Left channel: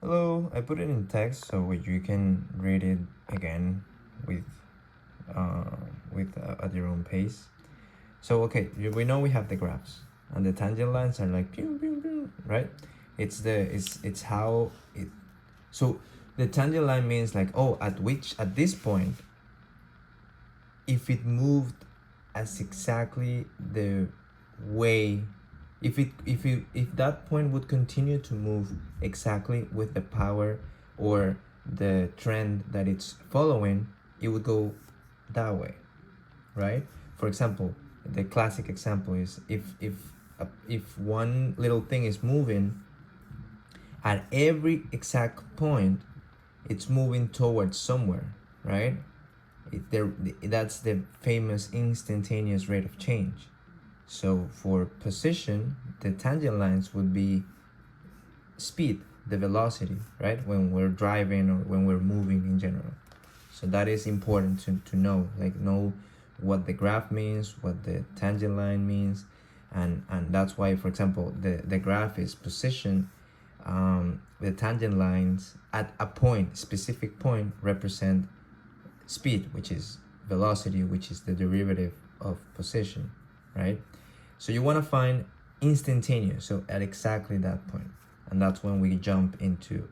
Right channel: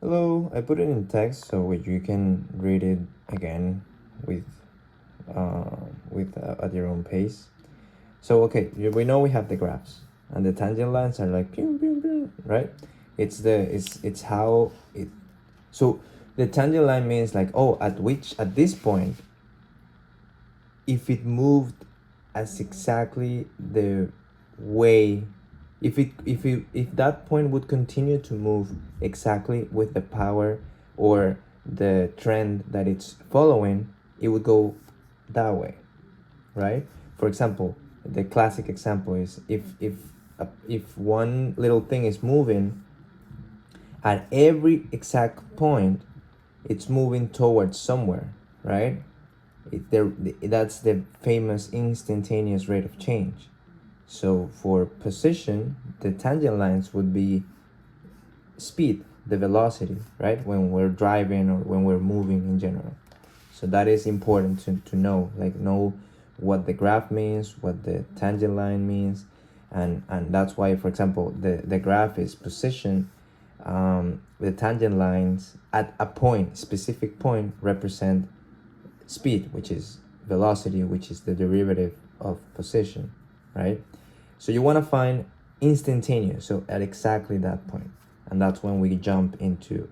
Hello, I put it in text so you can read it again with uh, at your own pace. So okay, we know we have the graphs and the tangent lines are like pew, pew, pew, right? It's how it. So the tangent line means like, oh, at this point, if it moved as exactly the way, if that point would continue to move exactly with the power or the trend that it's following, it would go that way, right? For example, the classic example is if one little thing is moving at every exact point, it's moving towards somewhere, right? That's the famous instantaneous rate of change. So for position, the tangent lines would be speed, the velocity, right? When we're driving or when we're moving in general. So that is important to know what the graph means, what the tangent line means, and that's why, for example, the graph is position. The tangent lines at a point, specific point, represent speed, which is velocity, which is the derivative of position, right? So you want to find instantaneous, so at exactly that point, and that's when we jump into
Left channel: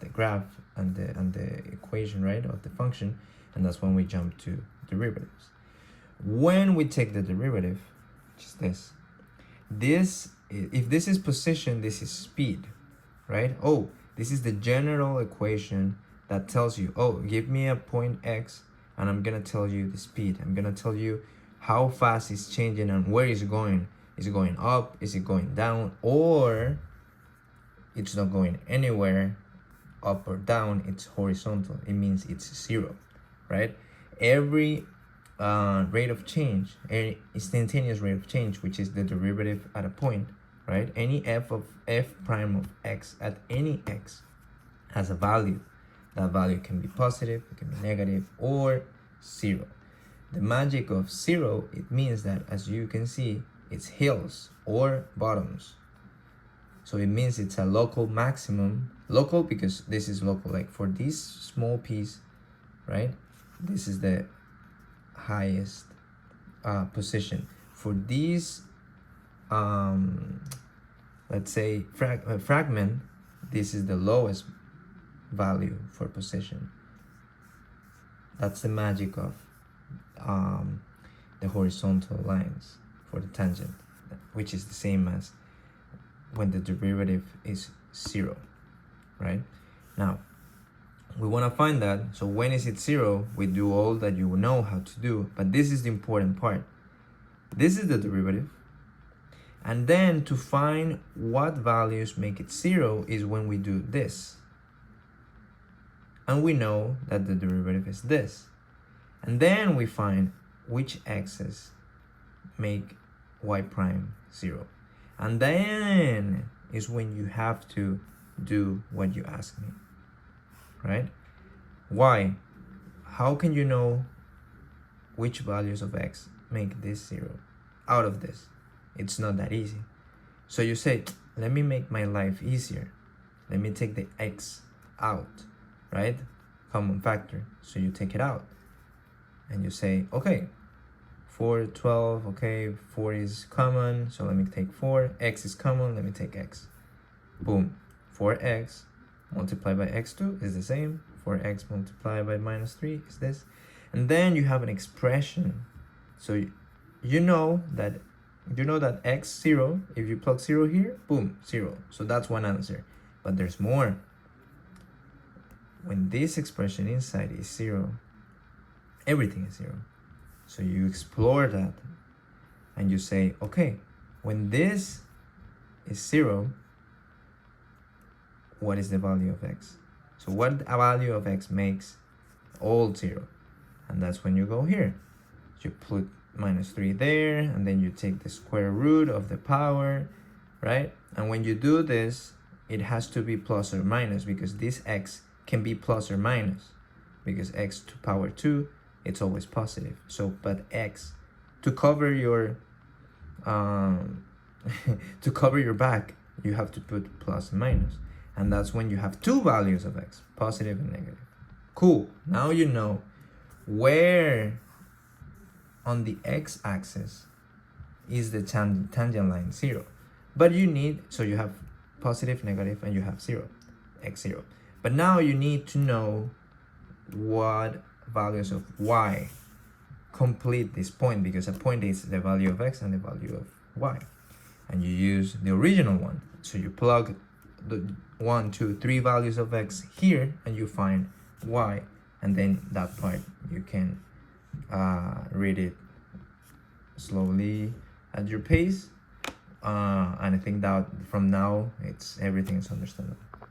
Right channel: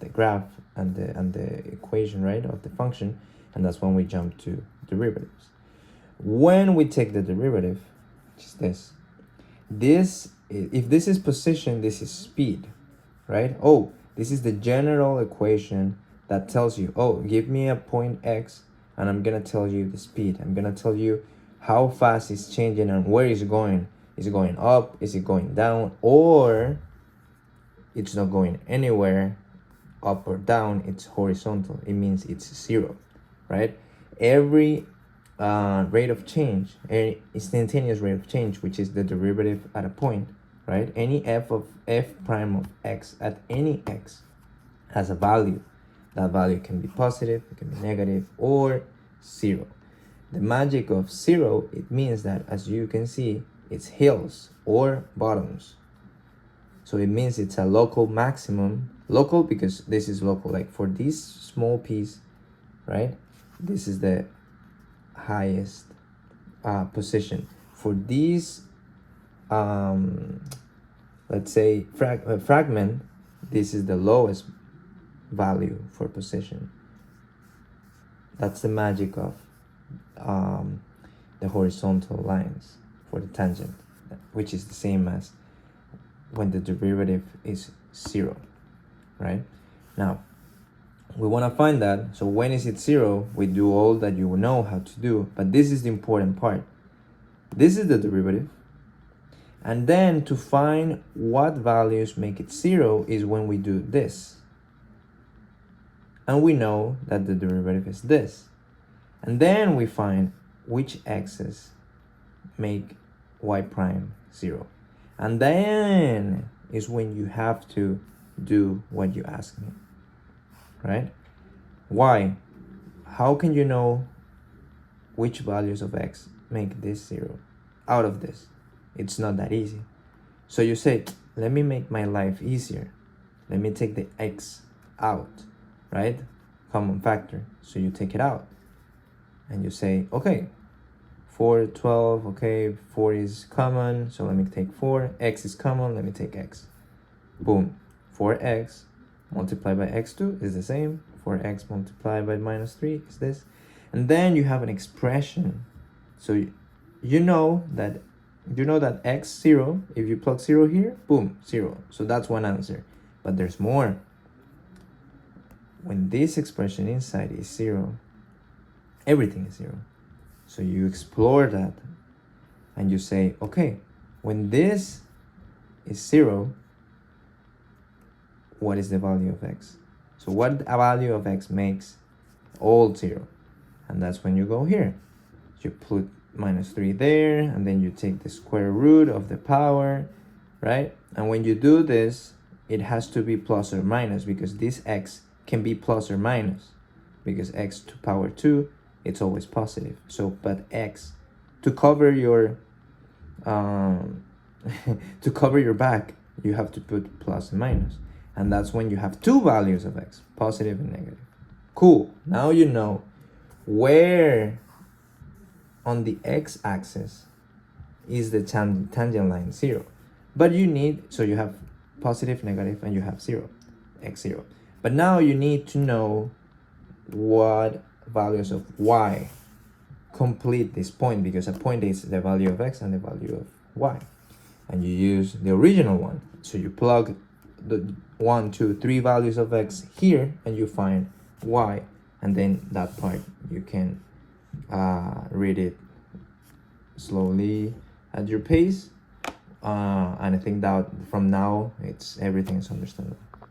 the graph and the equation, right, of the function, and that's when we jump to derivatives. When we take the derivative, which is this, if this is position, this is speed, right? Oh, this is the general equation that tells you, oh, give me a point x and I'm gonna tell you the speed. I'm gonna tell you how fast it's changing and where is it going. Is it going up? Is it going down? Or it's not going anywhere, up or down. It's horizontal. It means it's zero, right? Every rate of change, any instantaneous rate of change, which is the derivative at a point, right? Any f prime of x at any x has a value. That value can be positive, it can be negative, or zero. The magic of zero, it means that, as you can see, it's hills or bottoms. So it means it's a local maximum. Local because this is local. Like for this small piece, right? This is the highest position. For these, let's say fragment, this is the lowest value for position. That's the magic of the horizontal lines for the tangent, which is the same as when the derivative is zero, right? Now, we want to find that. So when is it zero? We do all that you know how to do, but this is the important part. This is the derivative. And then to find what values make it zero is when we do this. And we know that the derivative is this. And then we find which x's make y prime zero. And then is when you have to do what you ask me, right? Why? How can you know which values of x make this zero out of this? It's not that easy. So you say, let me make my life easier. Let me take the x out, right? Common factor. So you take it out. And you say, okay, 4, 12, okay, 4 is common, so let me take 4. X is common, let me take x. Boom. 4x multiplied by x2 is the same. 4x multiplied by minus 3 is this. And then you have an expression. So you know that x0, if you plug 0 here, boom, 0. So that's one answer. But there's more. When this expression inside is 0, everything is 0. So you explore that and you say, okay, when this is 0, what is the value of x? So what a value of x makes all 0? And that's when you go here. You put minus 3 there, and then you take the square root of the power, right? And when you do this, it has to be plus or minus, because this x can be plus or minus, because x to power 2, it's always positive. So, but x, to cover your to cover your back, you have to put plus and minus. and that's when you have two values of x, positive and negative. Cool. Now you know where on the x-axis is the tangent line 0. But you need, so you have positive, negative, and you have 0, x0. But now you need to know what values of y complete this point, because a point is the value of x and the value of y. And you use the original one. So you plug the 1, 2, 3 values of x here and you find y, and then that part you can read it slowly at your pace, and I think that from now everything is understandable.